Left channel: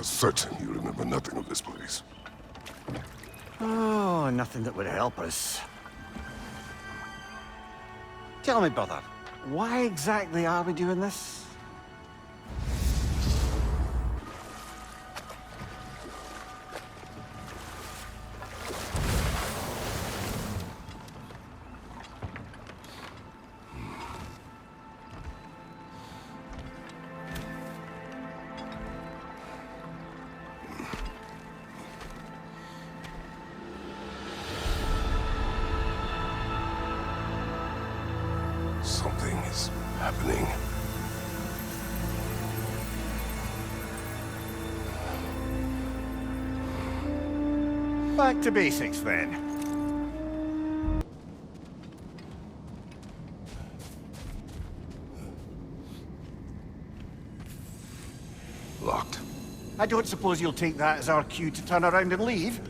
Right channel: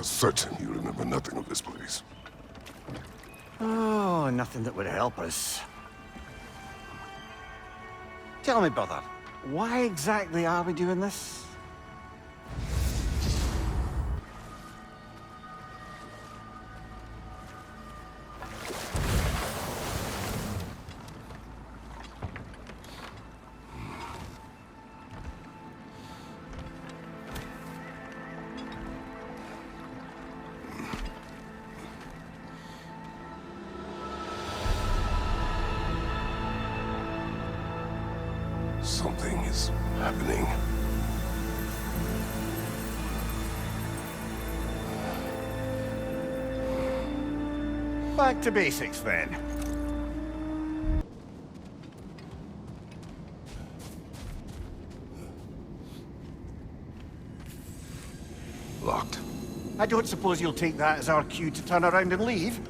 are certain you remember nothing of this place. Oh, nothing that would help us. Tell me, brother, why exactly are we doing this? Something is happening. Back to basics, then. Locked. I don't suppose you'll take that as our cue to turn around and leave?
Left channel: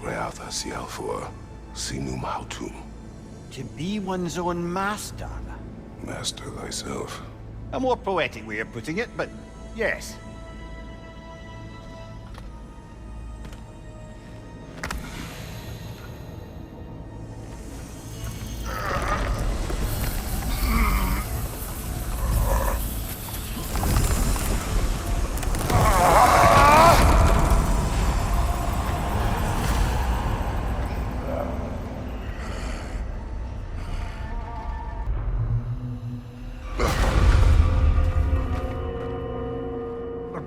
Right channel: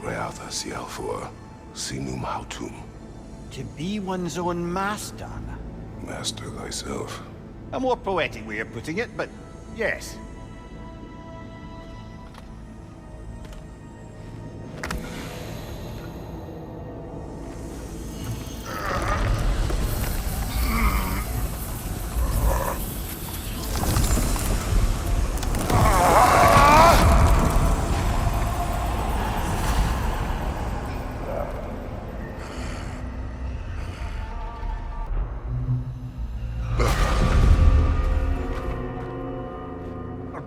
Realtha Sialfur, Sinum Hautum. To be one's own master. Master thyself. A more poetic way of putting it, but yes.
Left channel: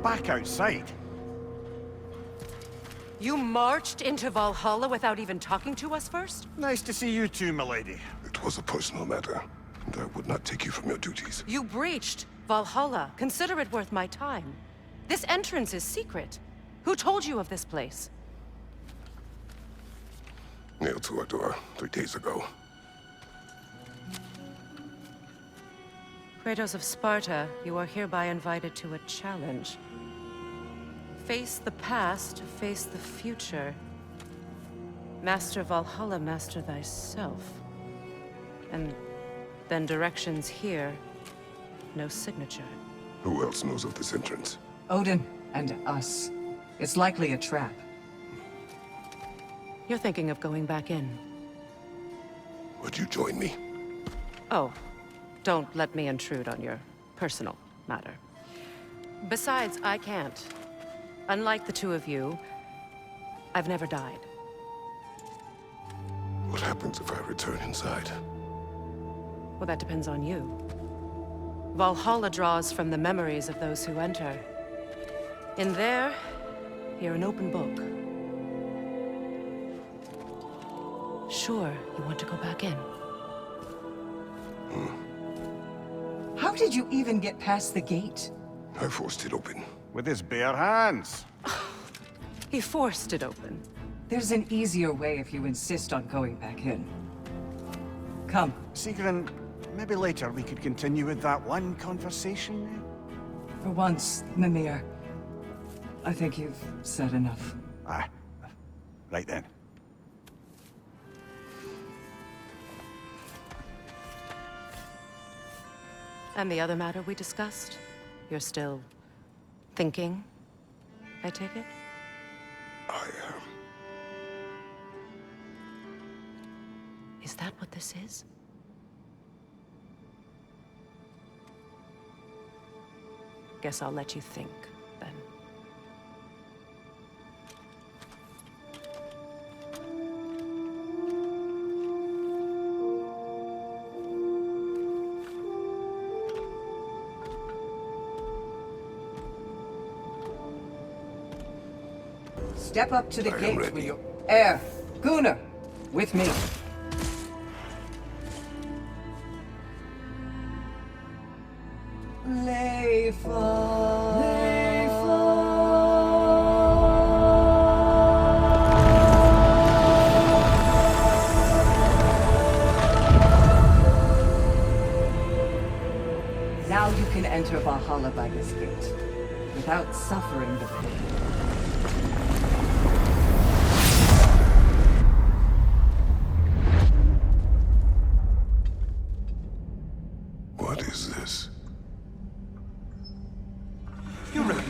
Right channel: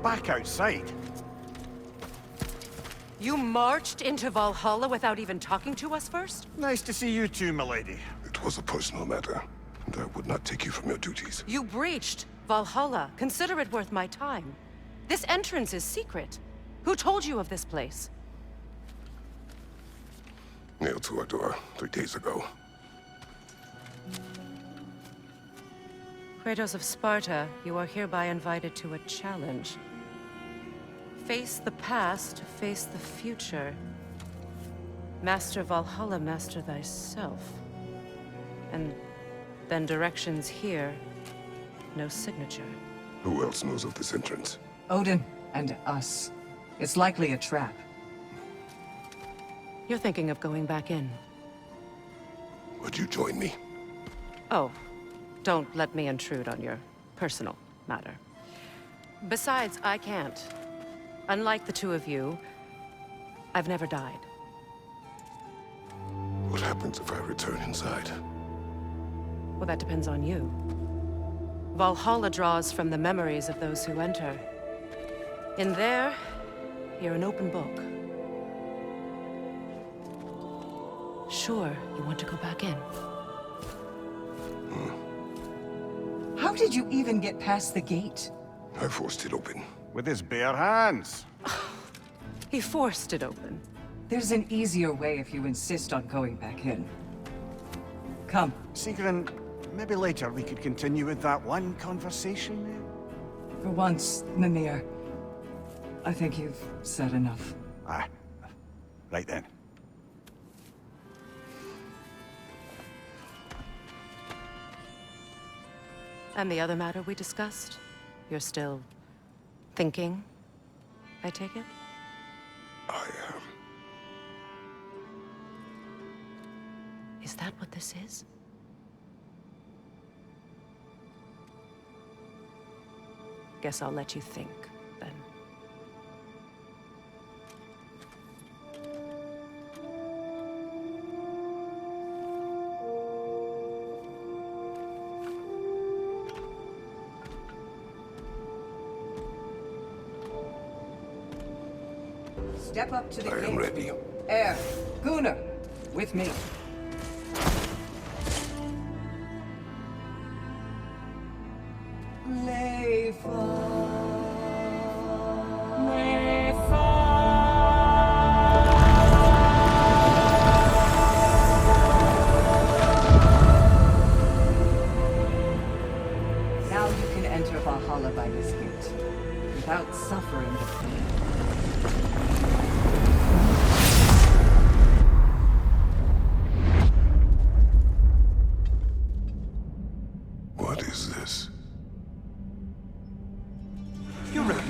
Back outside. You marched into Valhalla without even talking to us first? Nice to see you too, milady. It was a personal matter, and I would not take you from your duties. You breached Valhalla. Consider it worth my time. This entrance is secret. Who told you of this place? Nailed to our door 3 days ago. Kratos of Sparta, you are hereby invited to a challenge. Face the past, face the future. Master Valhalla, master thyself. And then directions here, no signature. Who else knows of this entrance? Odin and us. It's likely a trap. You're thinking of going back in. Would you join me? Oh, don't let me intrude on your personal matter. Besides, I can't. Unlike the two of you, I've never died. What happens if I return inside? Well, that depends on you. Valhalla draws from the memories of those who enter. In there, you're an open book. Sure, you want to go back in. How did you even get past the gate? I forced it open. With his bare hands. He forced it open. There's an easier way if you insist on going back in. Come. Sigrun, maybe later we could continue with that one conversation. For once, Mimir. I think you've said enough. Ah, right then. And the other matter we discussed? You're still thinking, I take it? I am. Is that what this is? Guess I'll let you think, then. Step up to the I am gate. ready. Air, Gunnar, with me. Now you can enter Valhalla by this gate, without suffering the pain. What is this?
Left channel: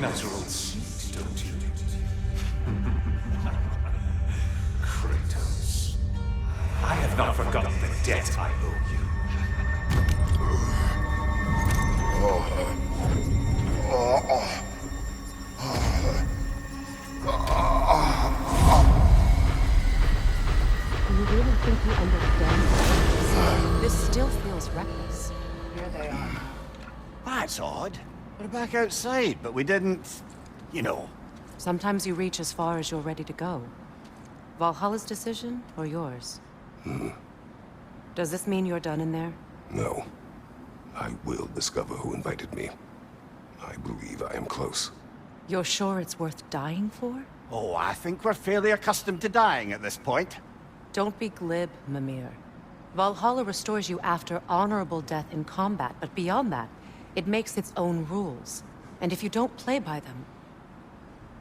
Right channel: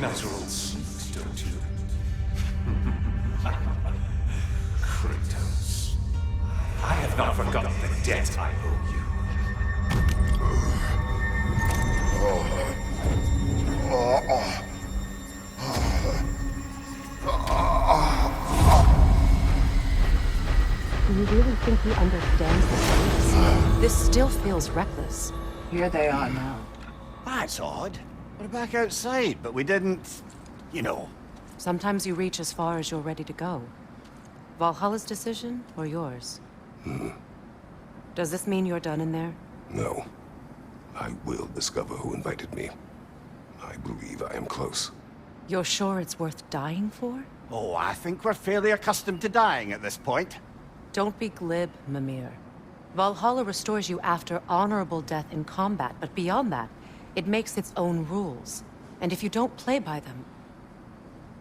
natural seed, don't you? Kratos, I have not forgotten the debt I owe you. Do you really think he understands this? This still feels reckless. Here they are now. That's odd. We're back outside, but we didn't... you know. Sometimes you reach as far as you're ready to go. Valhalla's decision, or yours? Does this mean you're done in there? No. I will discover who invited me. I believe I am close. You're sure it's worth dying for? Oh, I think we're fairly accustomed to dying at this point. Don't be glib, Mimir. Valhalla restores you after honorable death in combat, but beyond that, it makes its own rules. And if you don't play by them...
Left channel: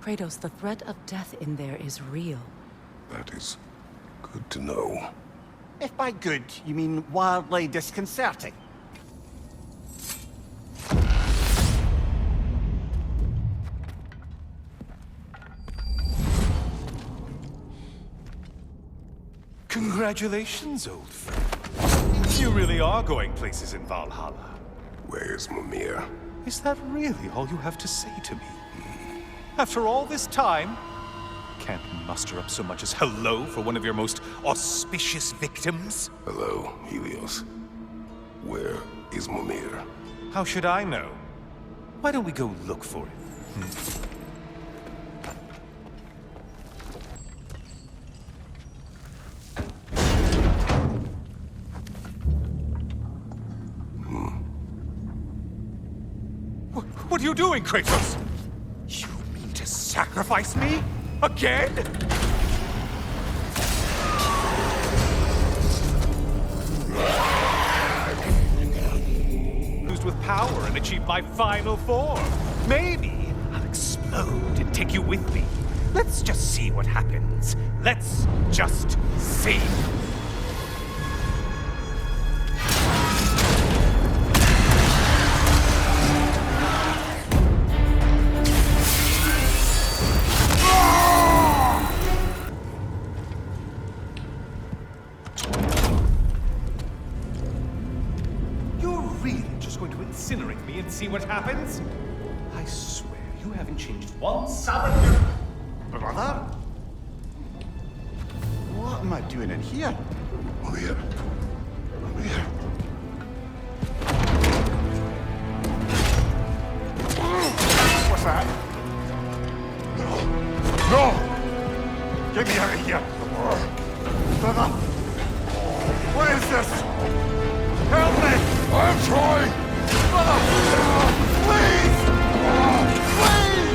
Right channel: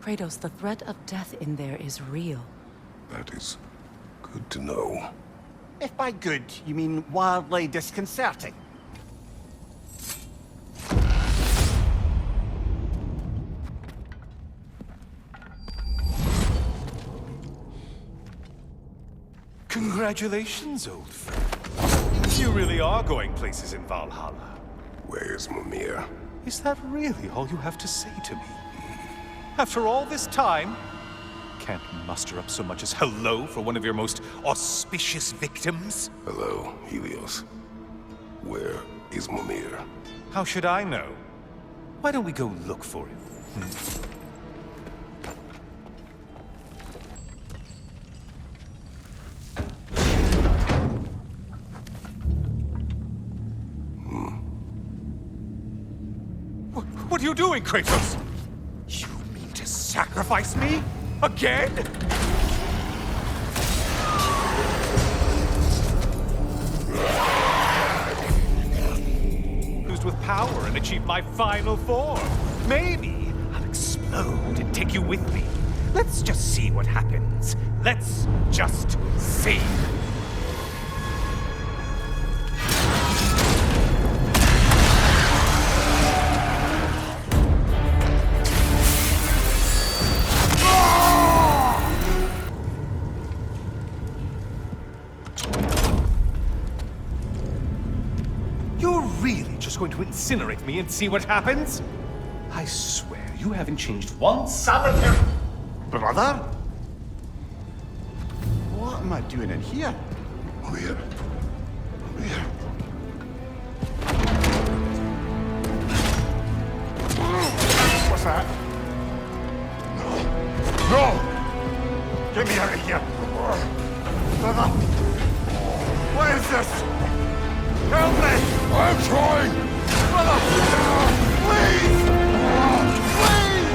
Kratos, the threat of death in there is real. That is good to know. If by good, you mean wildly disconcerting. Congratulations, old friend. You really are going places in Valhalla. Where's Mimir? Is that really all you have to say to me? After all this time, can't muster up so much as hello for one of your most auspicious victims? Hello, Helios. Where is Mimir? How should I know? Why don't we go look for him? What are you doing, Kratos? You mean to sacrifice me? Again? Used with power and achieve my final form. Maybe I'll explode and take you with me. Let's just see what happens. Let's just see. You're really just going to incinerate me and see what happens? I swear, you haven't changed one solitary... Brother? What am I doing in here? Mimir. Mimir. What's that? No! Get me out of here! Brother! What is this? Help me! I'm trying! Brother! Please! Please!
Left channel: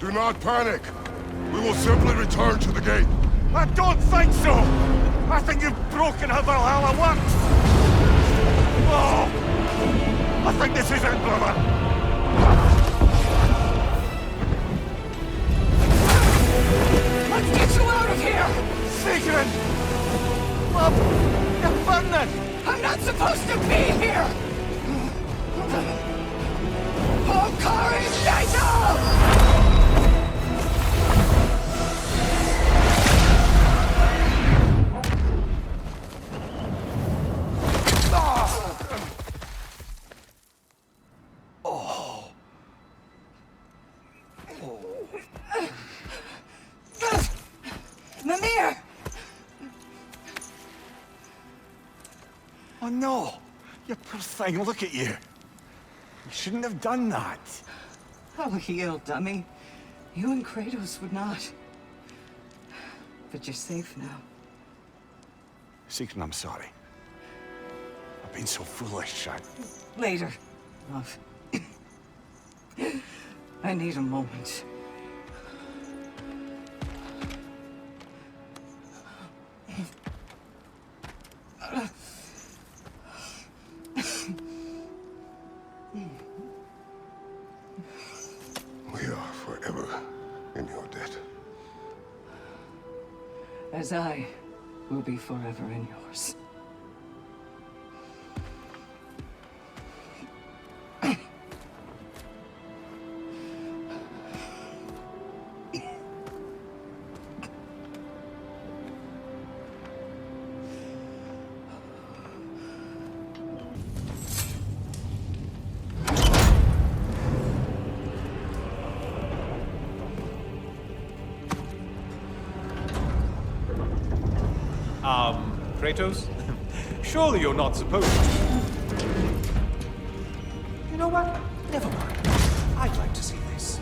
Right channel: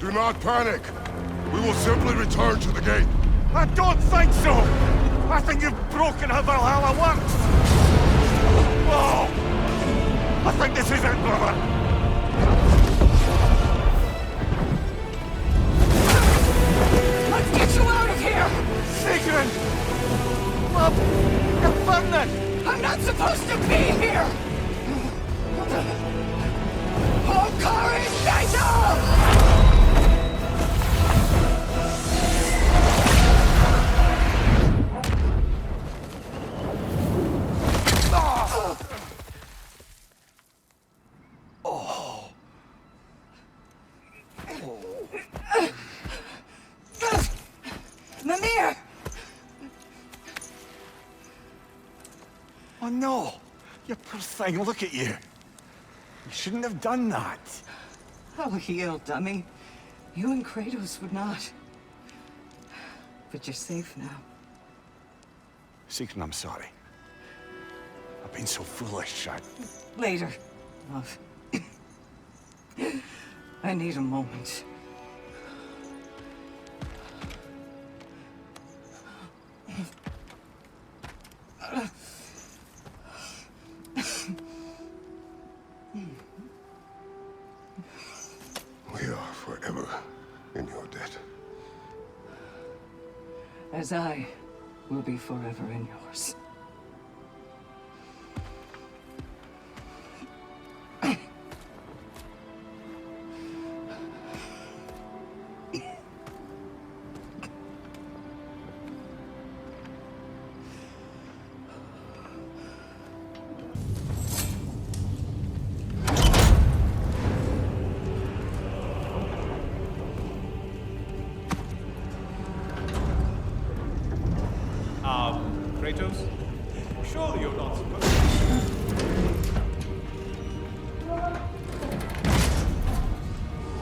Do not panic. We will simply return to the gate. I don't think so! I think you've broken how Valhalla works! Oh! I think this is it, brother! Let's get you out of here! Sigrun! Love, you're burning! I'm not supposed to be here! Hokari Naito! Mimir! Oh no! You poor thing, look at you. You shouldn't have done that. I'll heal, dummy. You and Kratos would not. But you're safe now. Sigrun, I'm sorry. I've been so foolish, Later, love. I need a moment. We are forever in your debt. As I will be forever in yours. Kratos? Surely you're not supposed to. You know what? Never mind. I'd like to see this.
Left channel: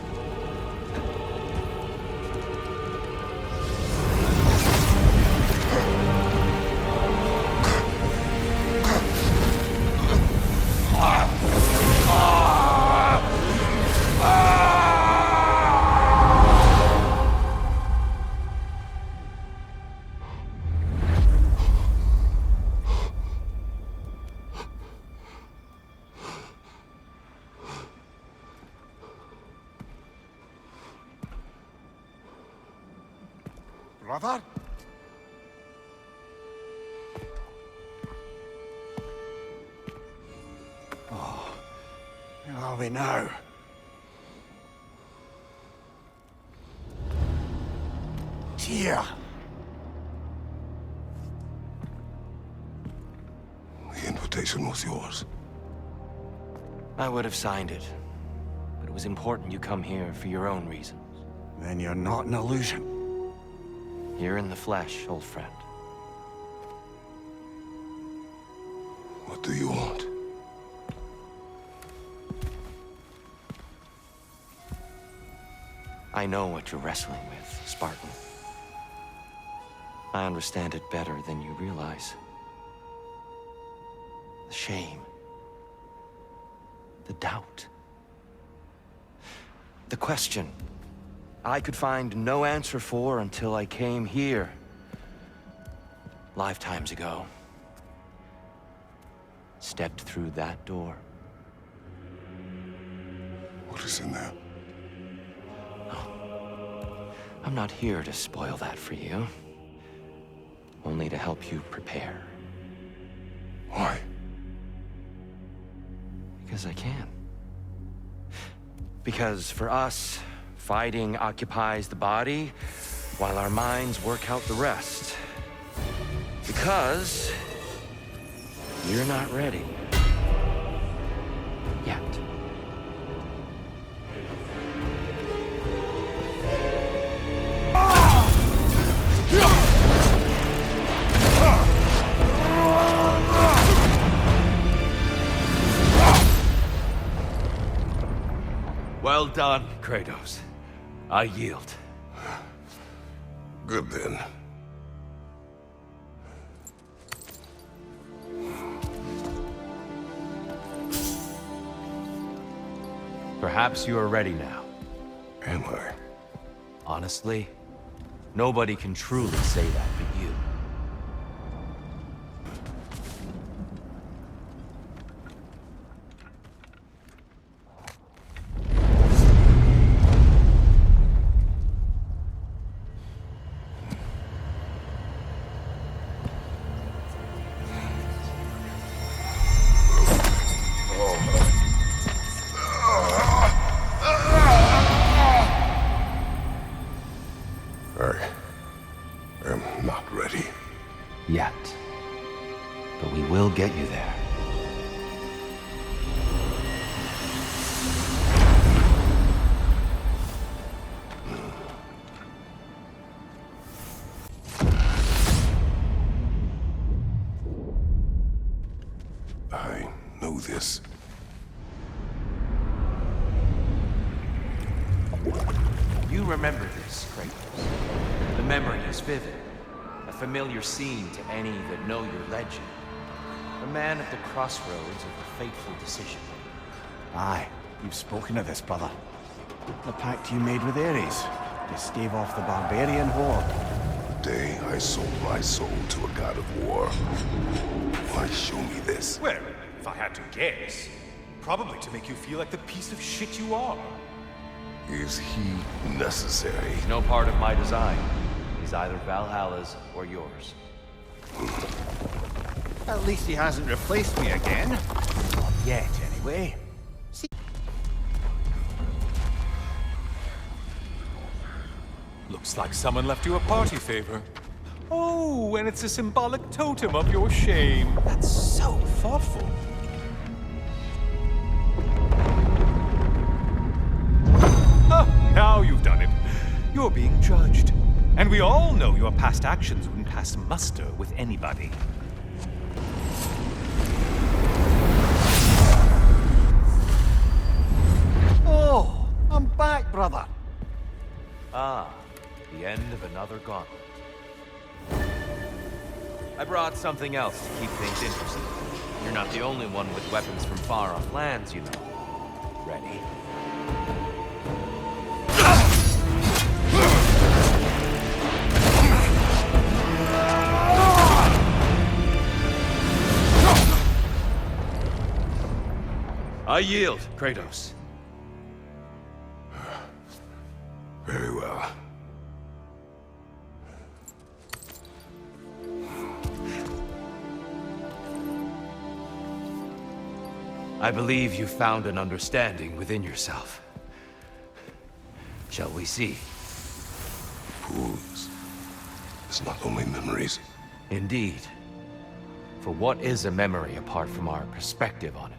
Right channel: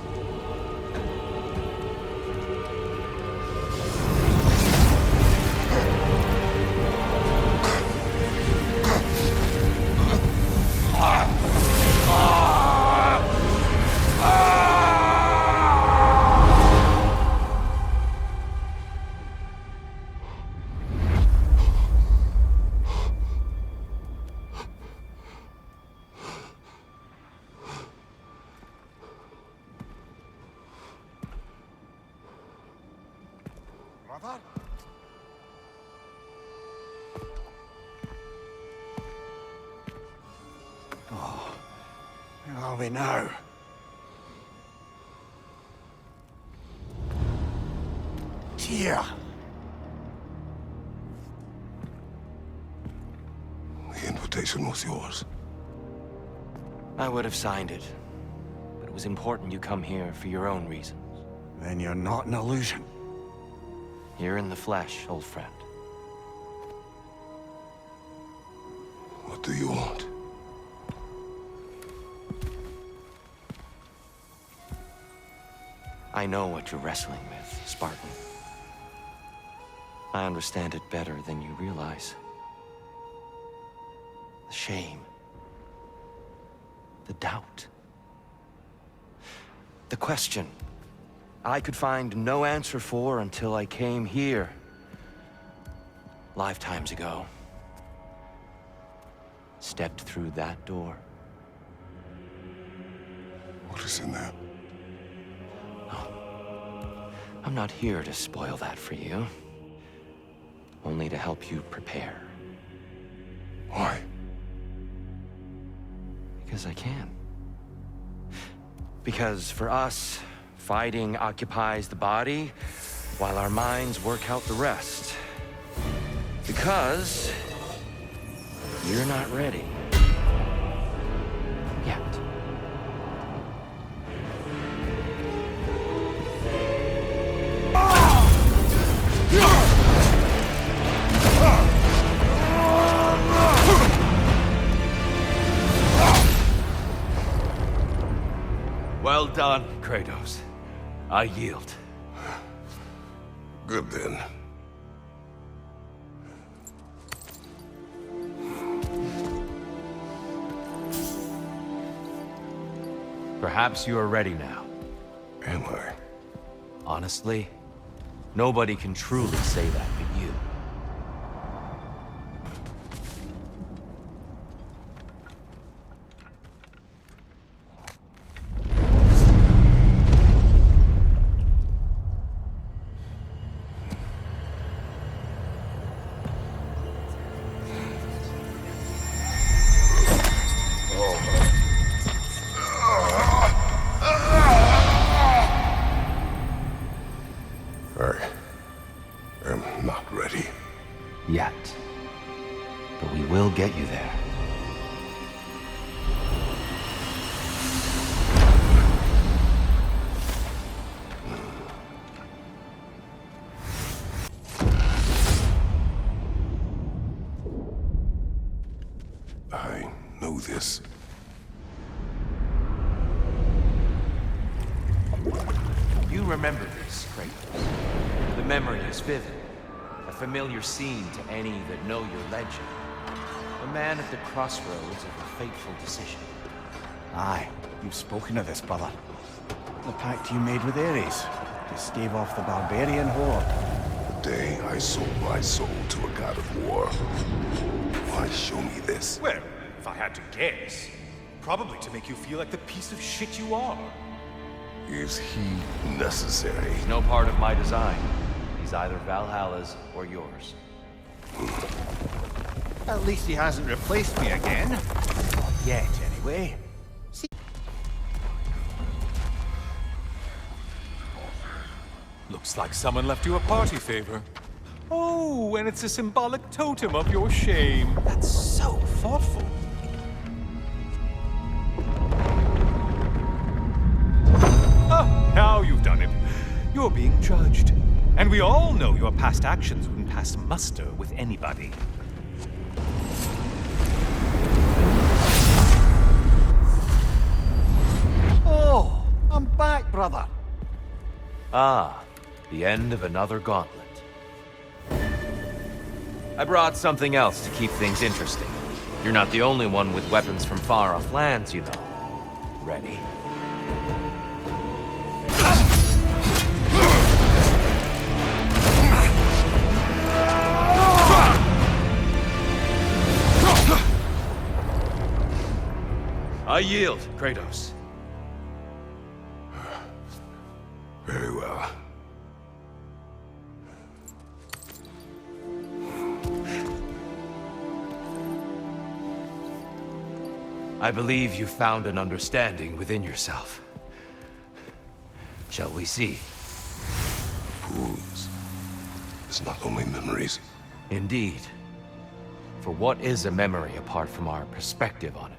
Brother? Oh, where are we now? Here. The invitation was yours. I would have signed it, but it was important you come here for your own reasons. Then you're not an illusion. Here in the flesh, old friend. What do you want? I know what you're wrestling with, Spartan. I understand it better than you realize. The shame. The doubt. The question I could find no answer for until I came here. Lifetimes ago. Stepped through that door. What is in there? I'm not here to spoil that for you. Only to help you prepare. Why? Because I can. Because for us, fighting occupies the body, while our minds work out the rest. Because you're not ready. Yet. Well done, Kratos. I yield. Good then. Perhaps you are ready now. Am I? Honestly, nobody can truly say that but you. I am not ready. Yet. But we will get you there. I know this. You remember this, Kratos. The memory is vivid. A familiar scene to any that know your legend. A man at the crossroads of a fateful decision. Aye, you've spoken of this, brother. The pact you made with Ares to stave off the barbarian horde. The day I sold my soul to a god of war. Why show me this? Well, if I had to guess, probably to make you feel like the piece of shit you are. Is he necessary? He's no part of my design. He's either Valhalla's or yours. At least he hasn't replaced me again. Not yet, anyway. Looks like someone left you a party favor. Oh, and it's a symbolic totem of your shame. That's so thoughtful. Ah, now you've done it. You're being judged. And we all know your past actions wouldn't pass muster with anybody. Oh, I'm back, brother. Ah, the end of another gauntlet. I brought something else to keep things interesting. You're not the only one with weapons from far-off lands, you know. Ready? I yield, Kratos. Very well. I believe you found an understanding within yourself. Shall we see? Fools. It's not only memories. Indeed. For what is a memory apart from our perspective on it?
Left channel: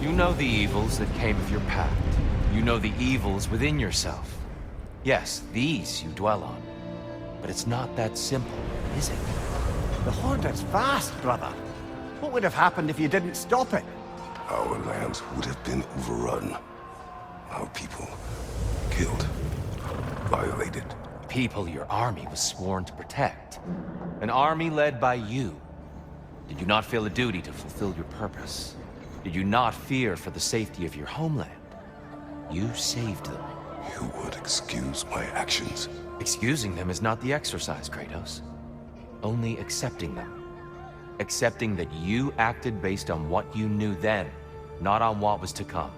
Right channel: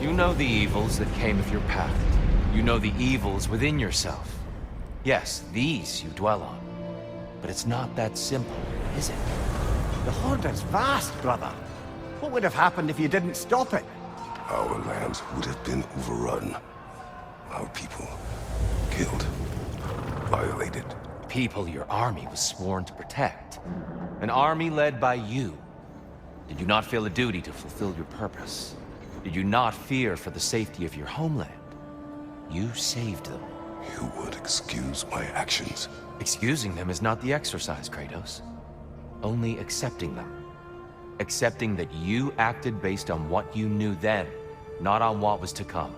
You know the evils that came of your path. You know the evils within yourself. Yes, these you dwell on. But it's not that simple, is it? The Horde is vast, brother. What would have happened if you didn't stop it? Our lands would have been overrun. Our people killed, violated. People your army was sworn to protect. An army led by you. Did you not feel a duty to fulfill your purpose? Did you not fear for the safety of your homeland? You saved them. You would excuse my actions. Excusing them is not the exercise, Kratos. Only accepting them. Accepting that you acted based on what you knew then, not on what was to come.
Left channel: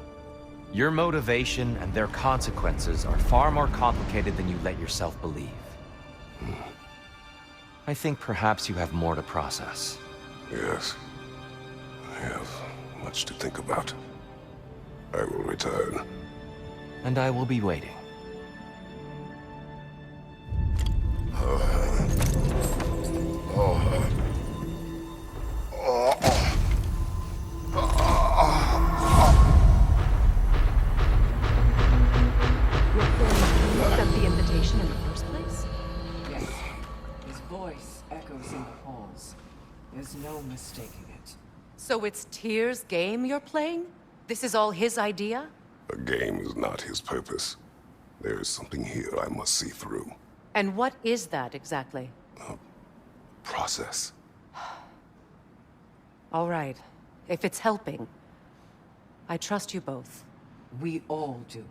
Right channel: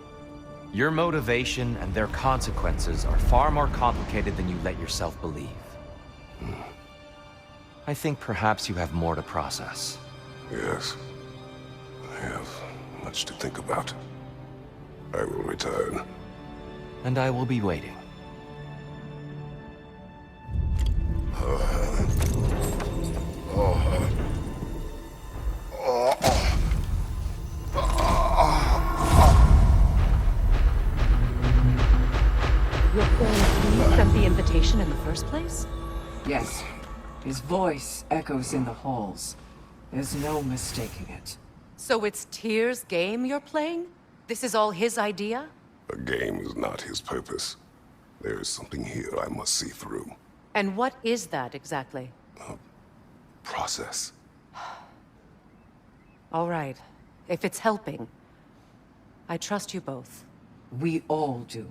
Your motivation and their consequences are far more complicated than you let yourself believe. I think perhaps you have more to process. Yes. I have much to think about. I will return. And I will be waiting. Your friend sent the invitation in the first place? Yes. His voice echoes in the halls. There's no mistaking it. So it's Tyr's game you're playing? This is all his idea? A game is not his purpose. There is something here I must see through. And what is that exactly? Process. All right. If it's helping, I trust you both. We all do.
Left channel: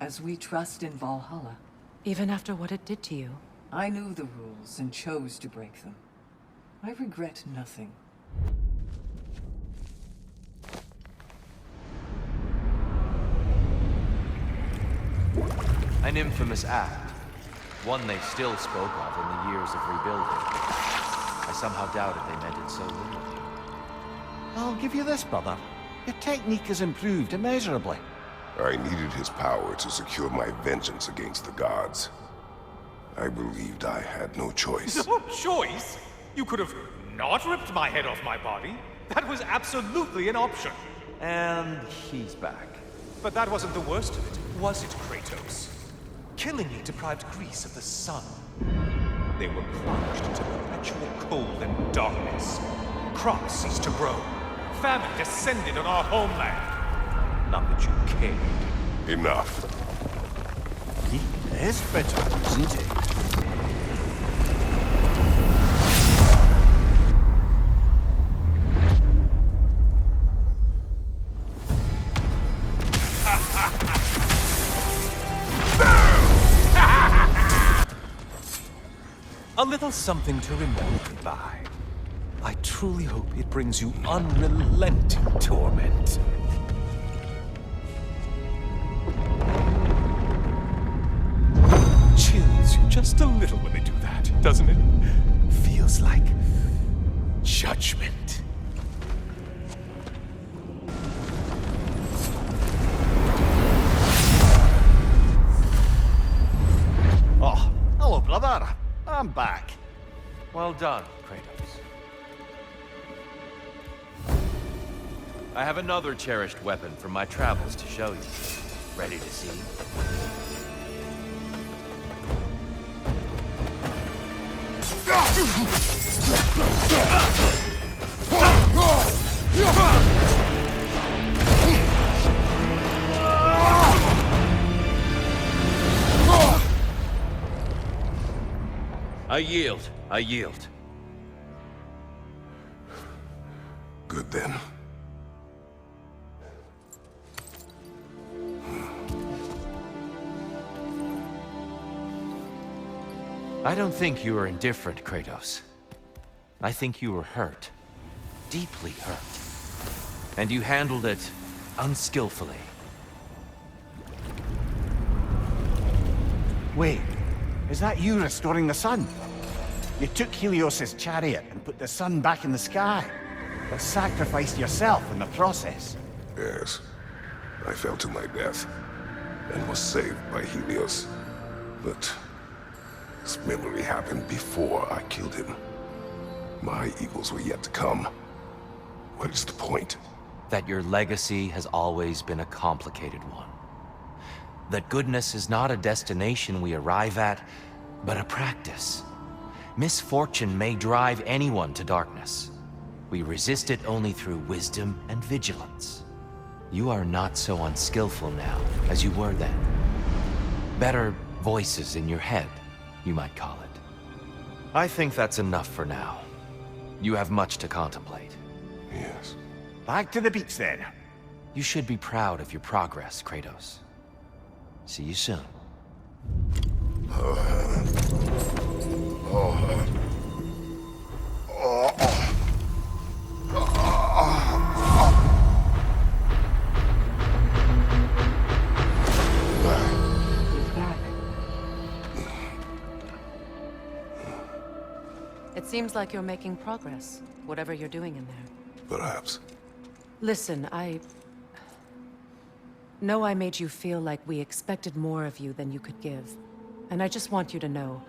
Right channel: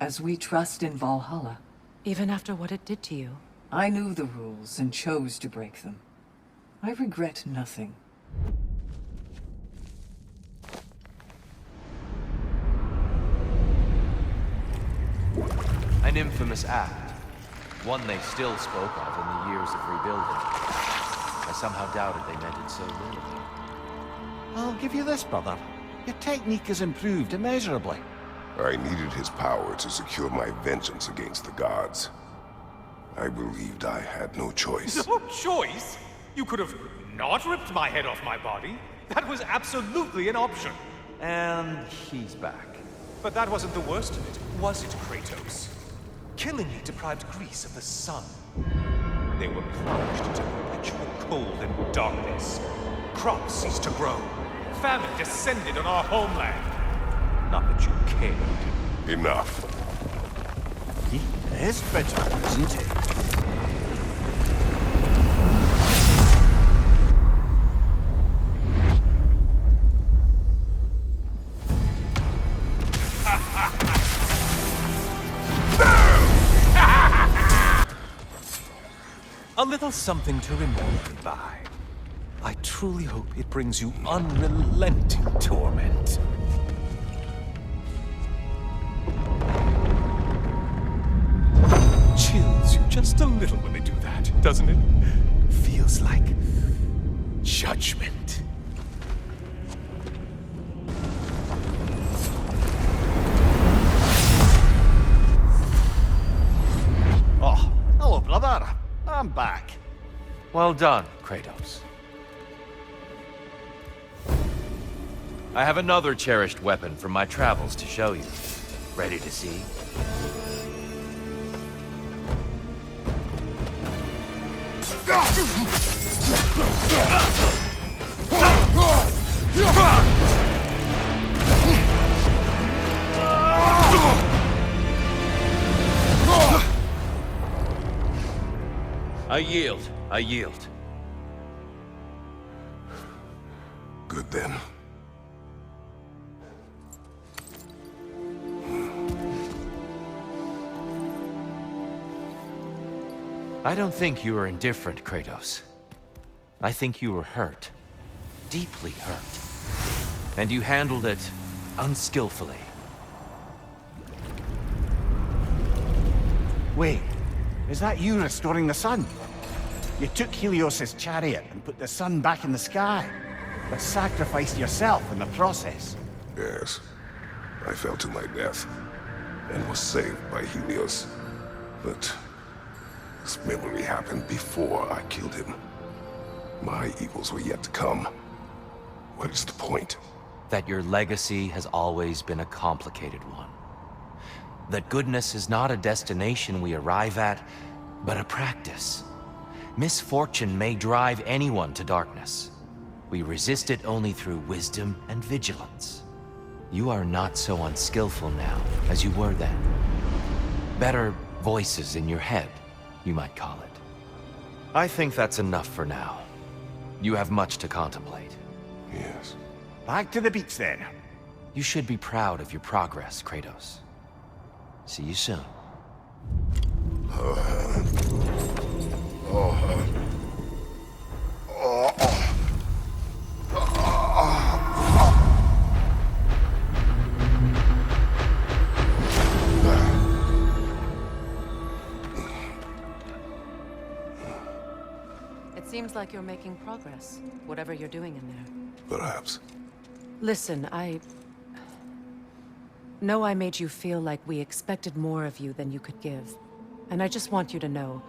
As we trust in Valhalla. Even after what it did to you. I knew the rules and chose to break them. I regret nothing. An infamous act. One they still spoke of in the years of rebuilding. I somehow doubted they meant it so literally. I'll give you this, brother. Your technique has improved immeasurably. I needed his power to secure my vengeance against the gods. I believed I had no choice. No choice? You could have not ripped my head off my body. That was absolutely an option. And he's back. But that wasn't the worst of it, was it, Kratos? Killing me deprived Greece of the sun. They were plunged into perpetual cold and darkness. Crops ceased to grow. Famine descended on our homeland. Not that you cared. Enough. He is bitter, isn't he? A little something to remember me by. I truly hope it brings you unrelenting torment. Chills you just a little when they do that, doesn't it? Feels like judgment. Oh, hello, brother. I'm back. Well done, Kratos. I have another cherished weapon from my travels to show you. Ready to see? I yield. I yield. Good then. I don't think you were indifferent, Kratos. I think you were hurt. Deeply hurt. And you handled it unskillfully. Wait, is that you restoring the sun? You took Helios's chariot and put the sun back in the sky, but sacrificed yourself in the process. Yes. I fell to my death, and was saved by Helios. But this memory happened before I killed him. My evils were yet to come. What is the point? That your legacy has always been a complicated one. That goodness is not a destination we arrive at, but a practice. Misfortune may drive anyone to darkness. We resist it only through wisdom and vigilance. You are not so unskillful now as you were then. Better voices in your head, you might call it. I think that's enough for now. You have much to contemplate. Yes. Back to the beach then. You should be proud of your progress, Kratos. See you soon. It seems like you're making progress, whatever you're doing in there. Perhaps. Listen, I know I made you feel like we expected more of you than you could give. And I just want you to know,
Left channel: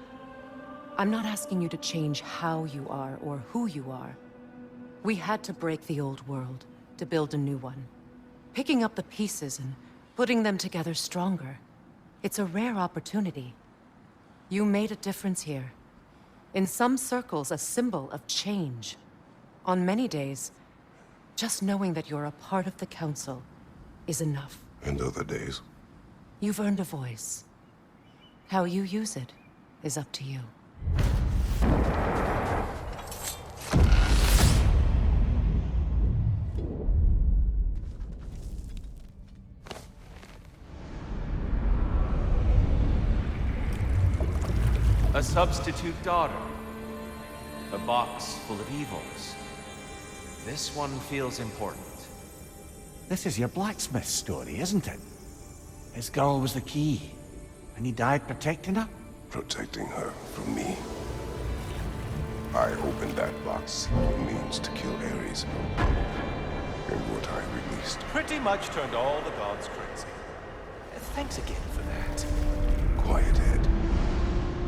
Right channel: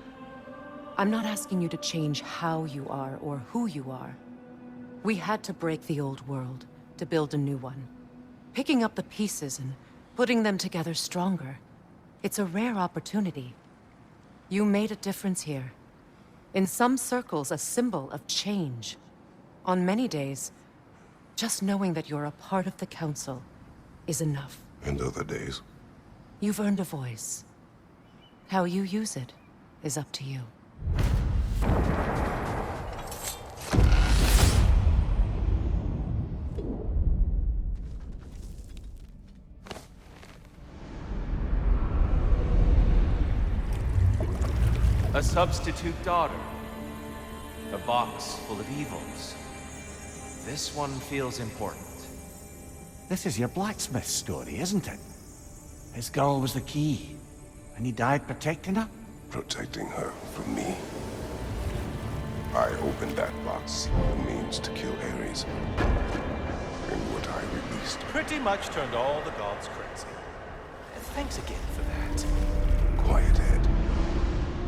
I'm not asking you to change how you are or who you are. We had to break the old world to build a new one. Picking up the pieces and putting them together stronger. It's a rare opportunity. You made a difference here. In some circles, a symbol of change. On many days, just knowing that you're a part of the Council is enough. And other days? You've earned a voice. How you use it is up to you. A substitute daughter. A box full of evils. This one feels important. This is your blacksmith story, isn't it? His girl was the key, and he died protecting her? Protecting her from me. I opened that box, the means to kill Ares. And what I released. Pretty much turned all the gods crazy. Thanks again for that. Quiet head.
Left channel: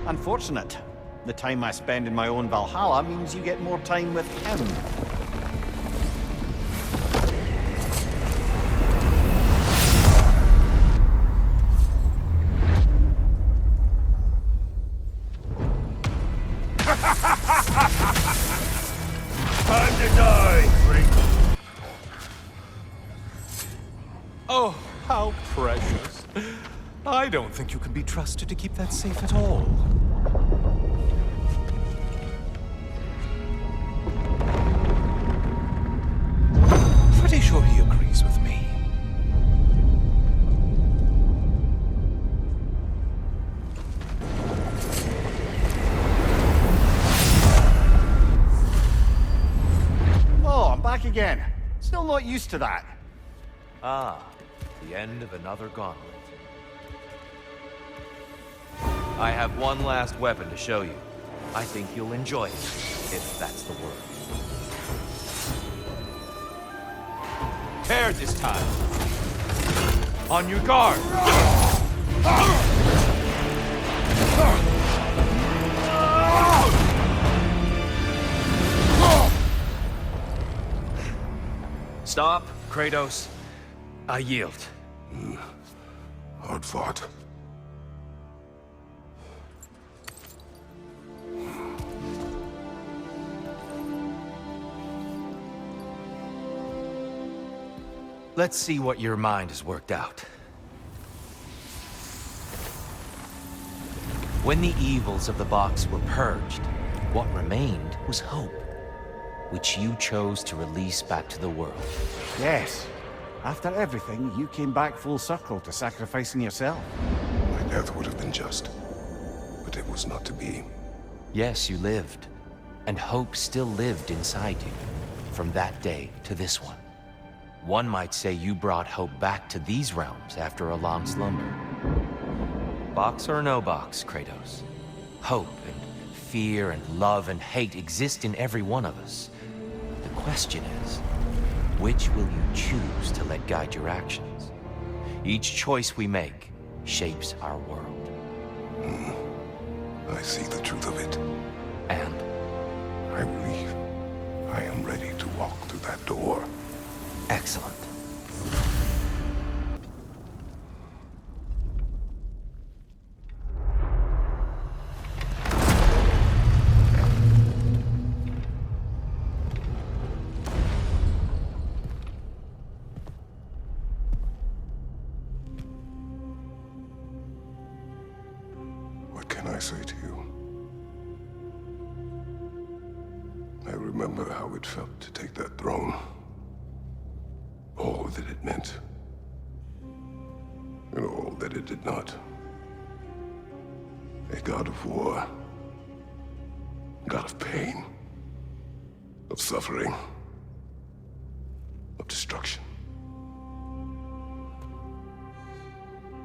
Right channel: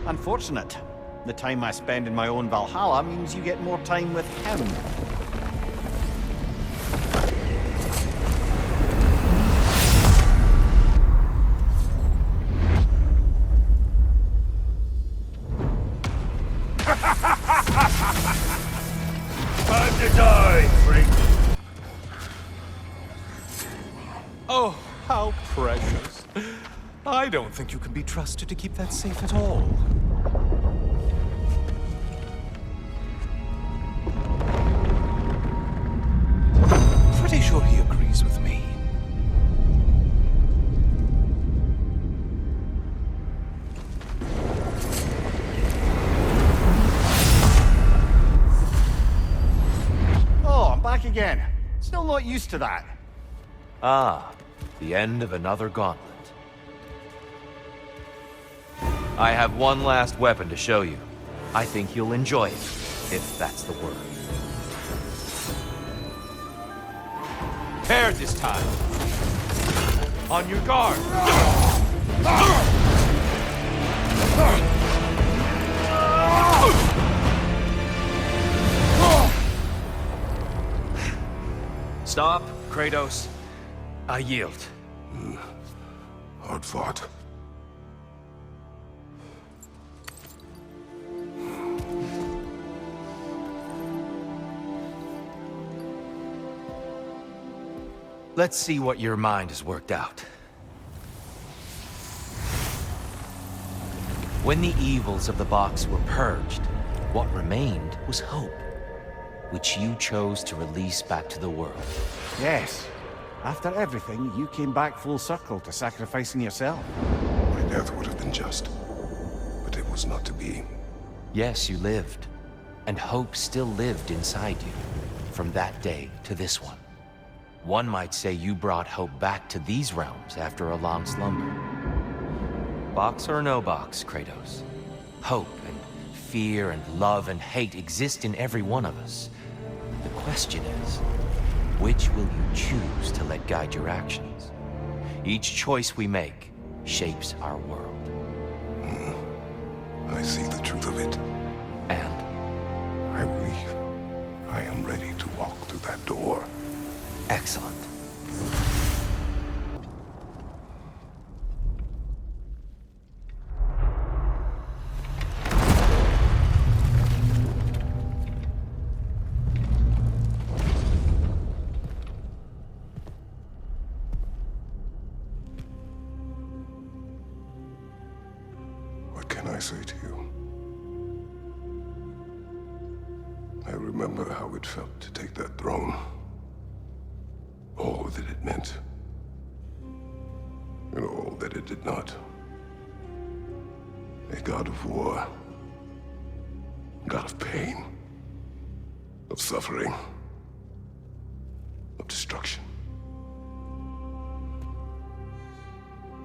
Unfortunate. The time I spend in my own Valhalla means you get more time with him. Time to die, freak! Oh, how precious. I don't think you can be trusted to keep that safe at all. Pretty sure he agrees with me. Oh, I'm back again. Still not used to that. Ah, the end of another gauntlet. I have one last weapon to show you. I think you'll enjoy it, if that's the word. Prepare this time. On your guard. Stop, Kratos. I yield. Hard fought. Let's see what your mind has worked out. When the evils of the box were purged, what remained was hope, which you chose to release back to the world. Yes. After everything, you came back full circle to sacrificing yourself. My death would have been just, but it was not to be. Yes, you lived, and hope still lived inside you, from that day to this one. One might say you brought hope back to these realms after a long slumber. Box or no box, Kratos. Hope and fear and love and hate exist in every one of us. The question is, which will you choose to let guide your actions? Each choice we make shapes our world. I see the truth of it. And I believe I am ready to walk through that door. excellent. What can I say to you? I remember how it felt to take that throne. All that it meant. And all that it did not. A god of war. God of pain. Of suffering. Of destruction.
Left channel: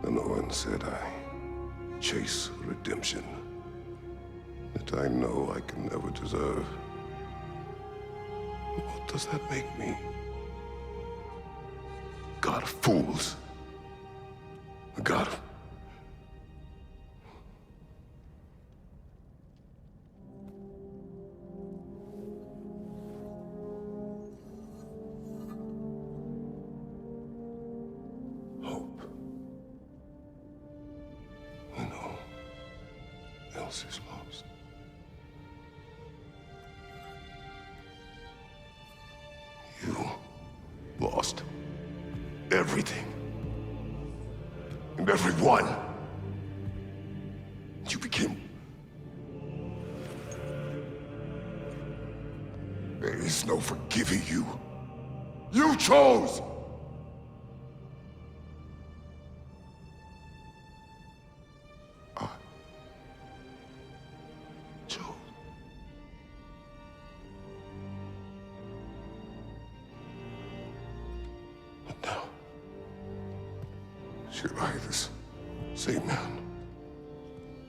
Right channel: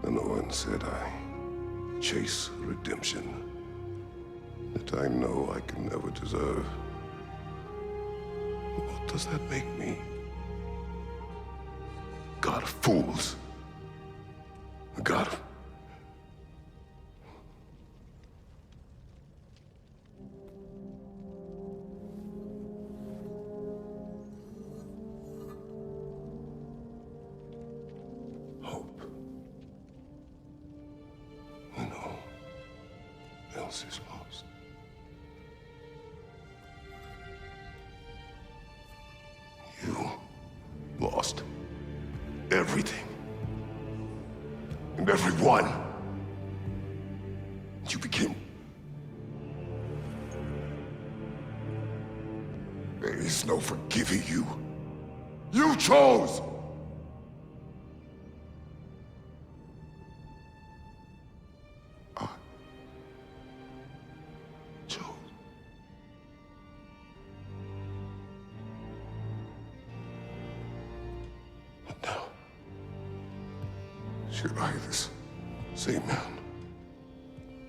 And Owen said I chase redemption that I know I can never deserve. What does that make me? God of fools. A god of... hope. When all else is lost. You lost everything. And everyone. You became... There is no forgiving you. You chose! I chose. But now, should I, this same man,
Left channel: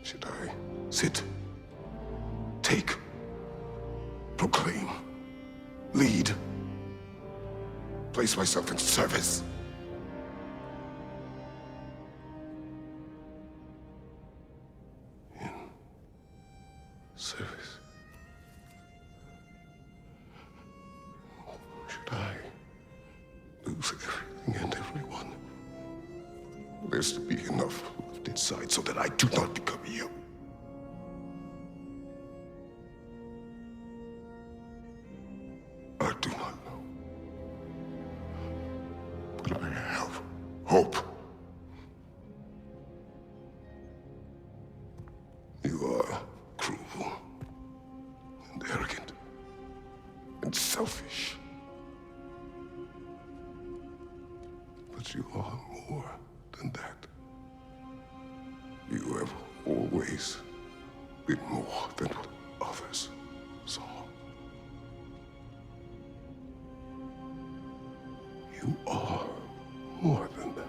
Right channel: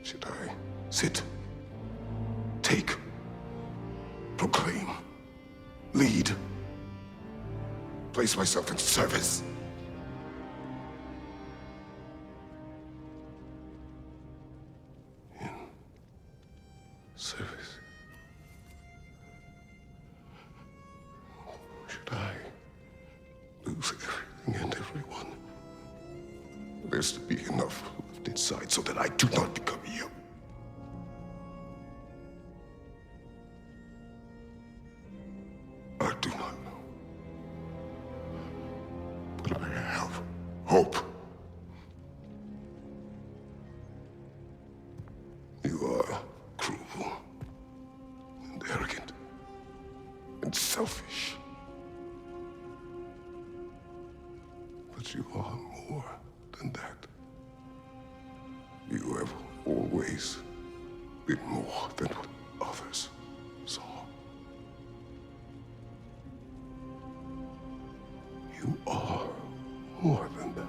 should I sit, take, proclaim, lead, place myself in service? In service? Should I lose everything and everyone? There's to be enough left inside so that I do not become you. I do not know. But I have hope. You are cruel and arrogant and selfish. But you are more than that. You have always been more than what others saw. You are more than that.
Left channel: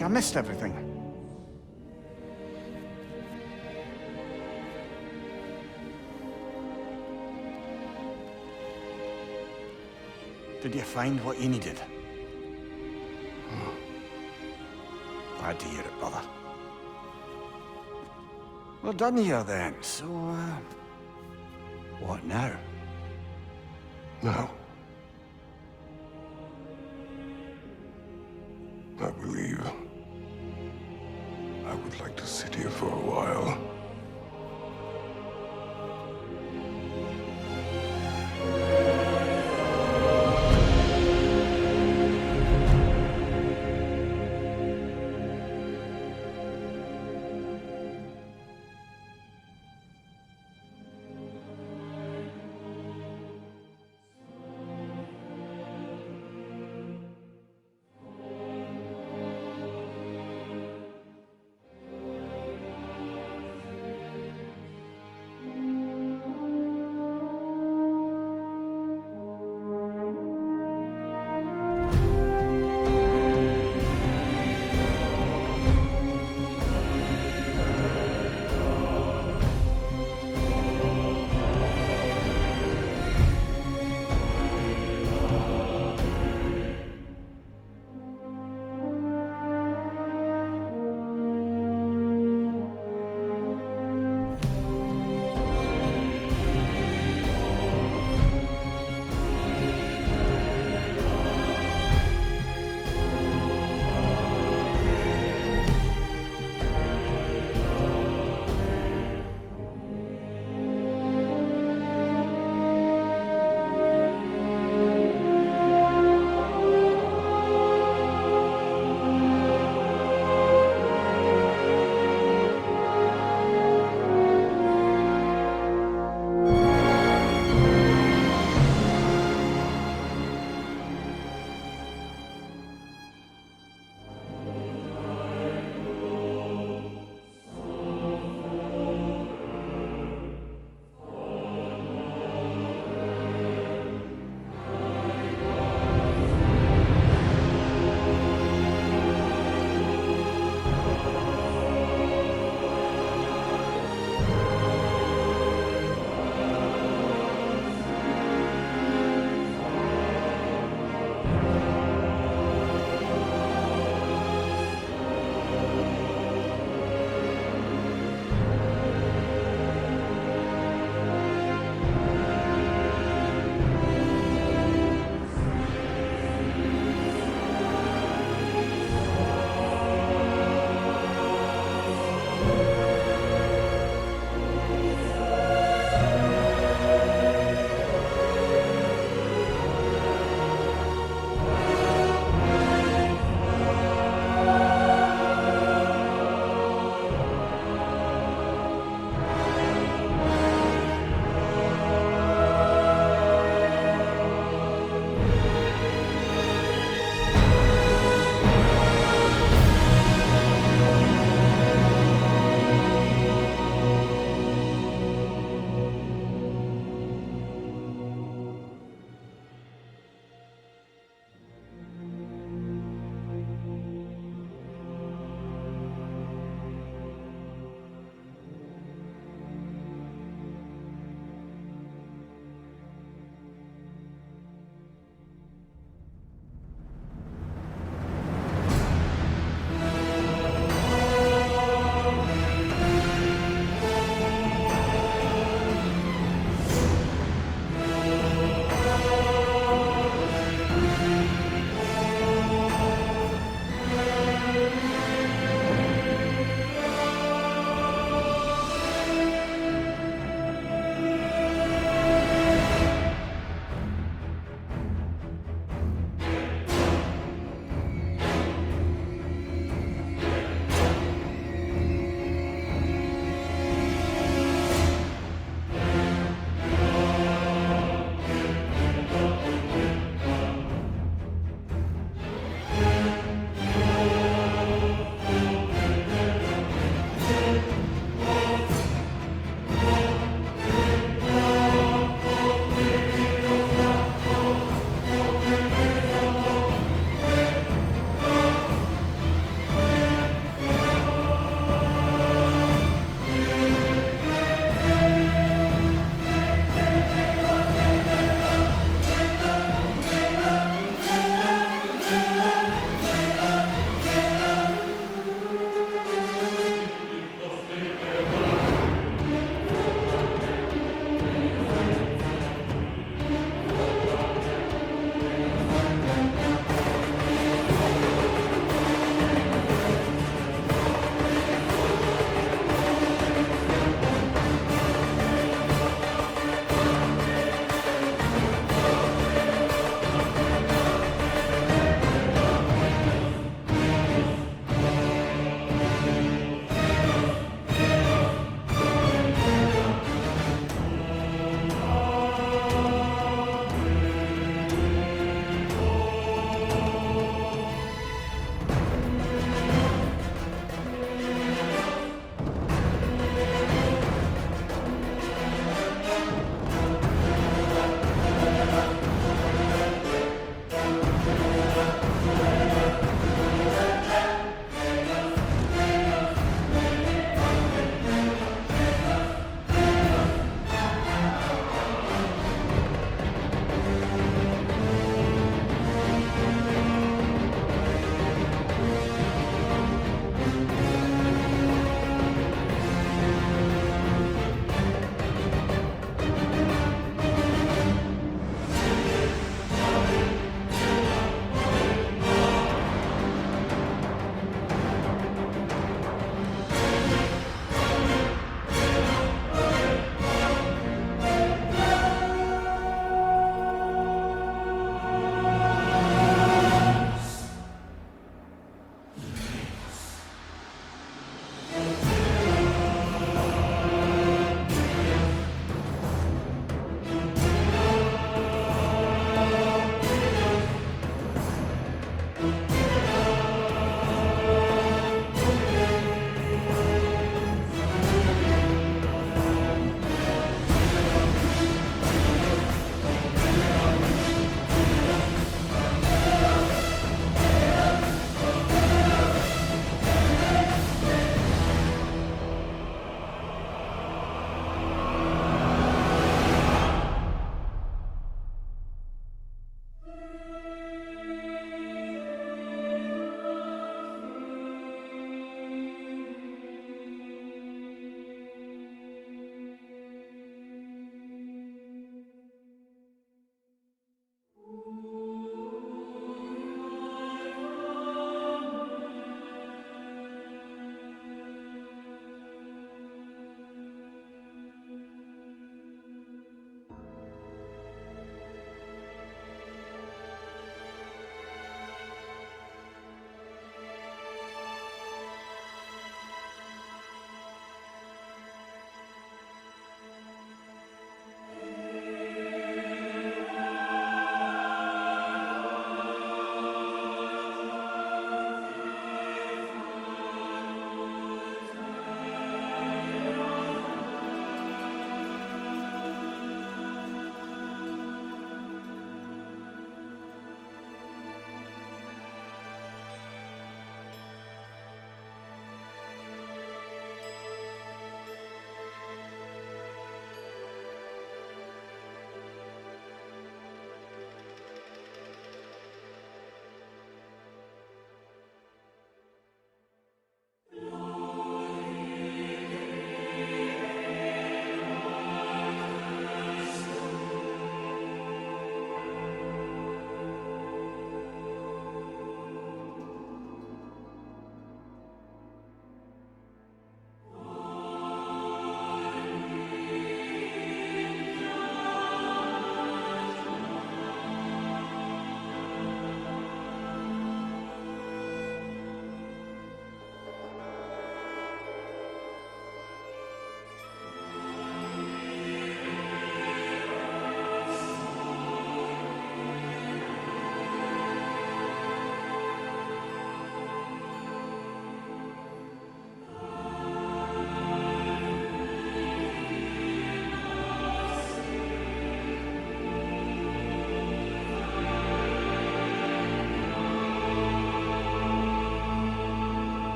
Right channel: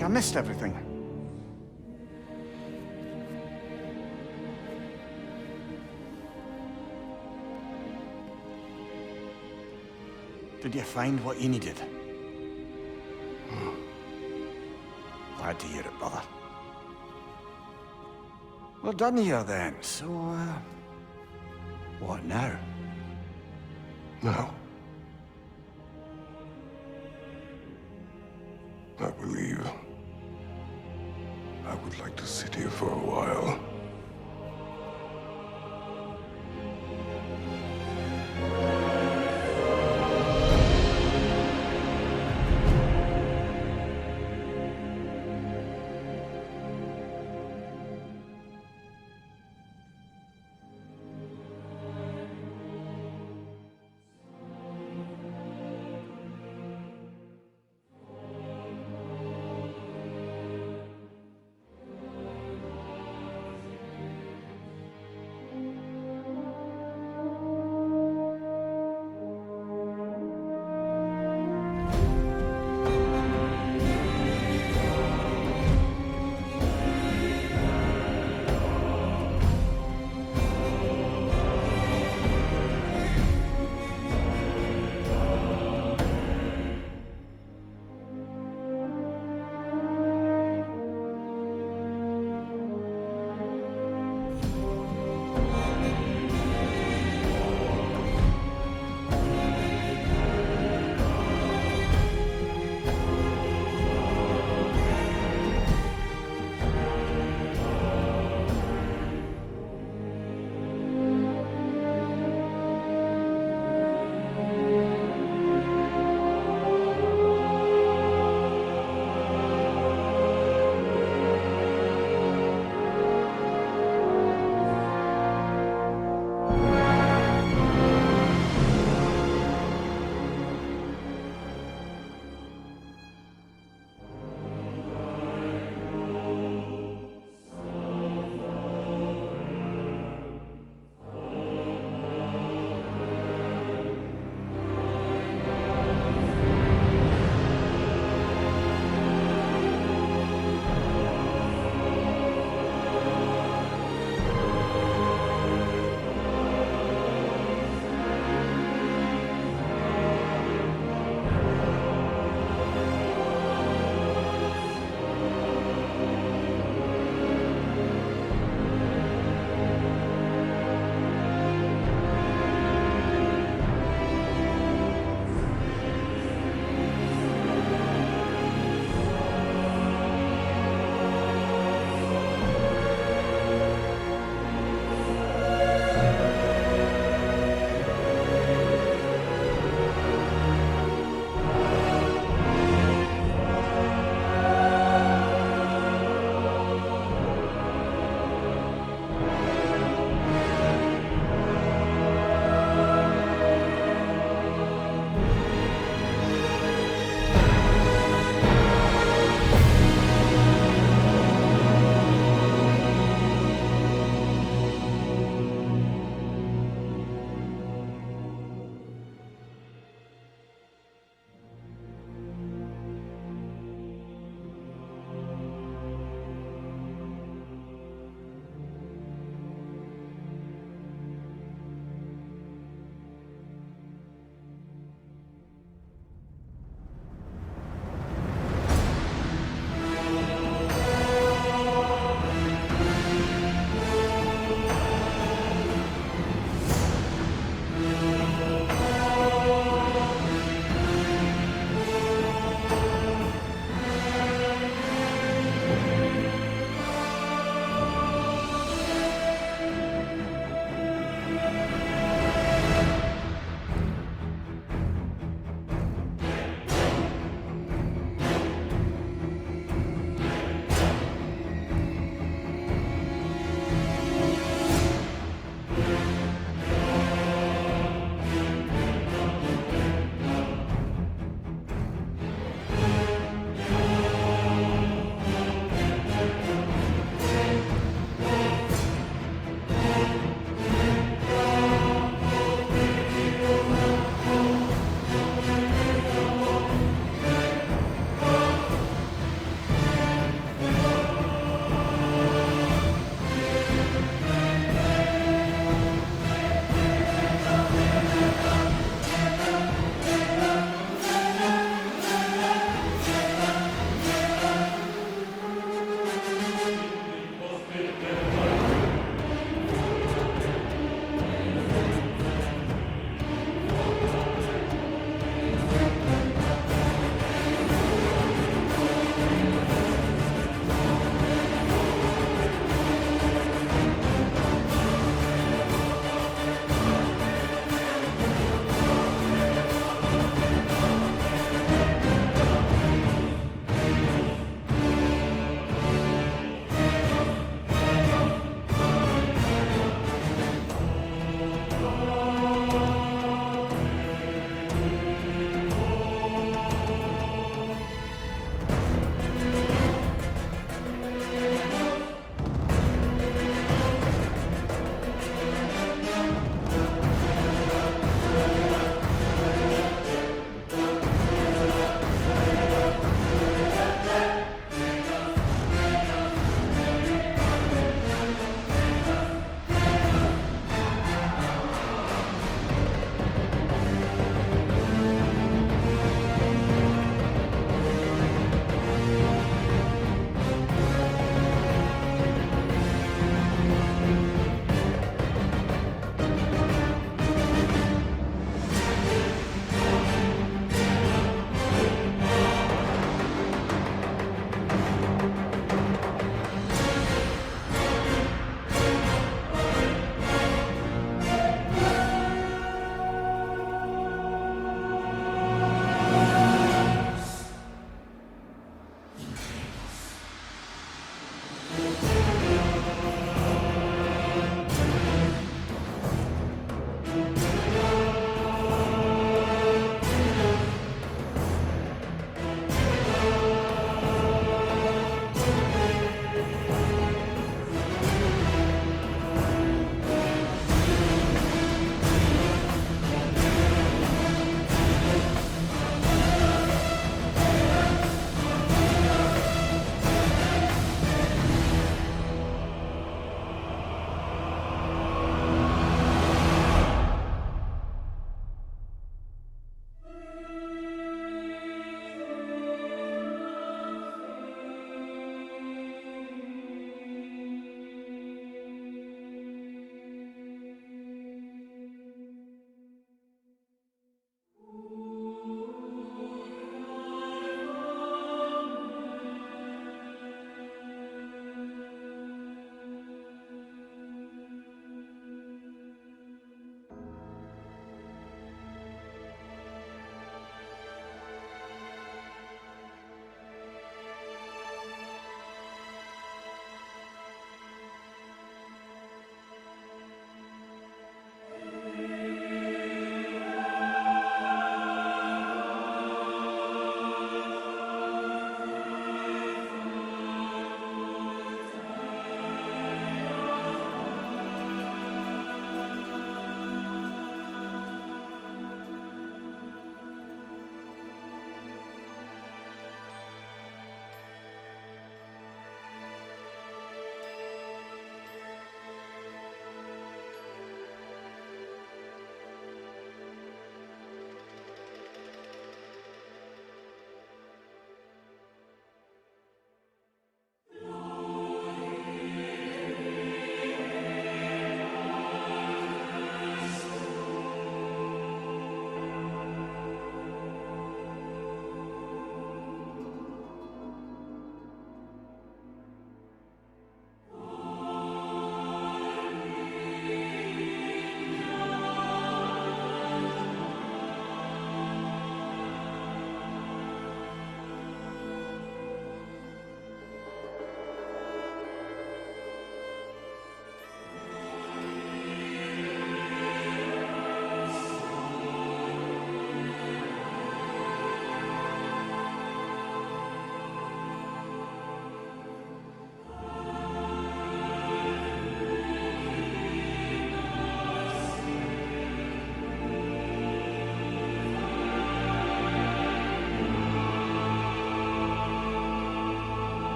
like I missed everything. Did you find what you needed? Glad to hear it, brother. We're done here then, so, what now? Now, I believe I would like to sit here for a while.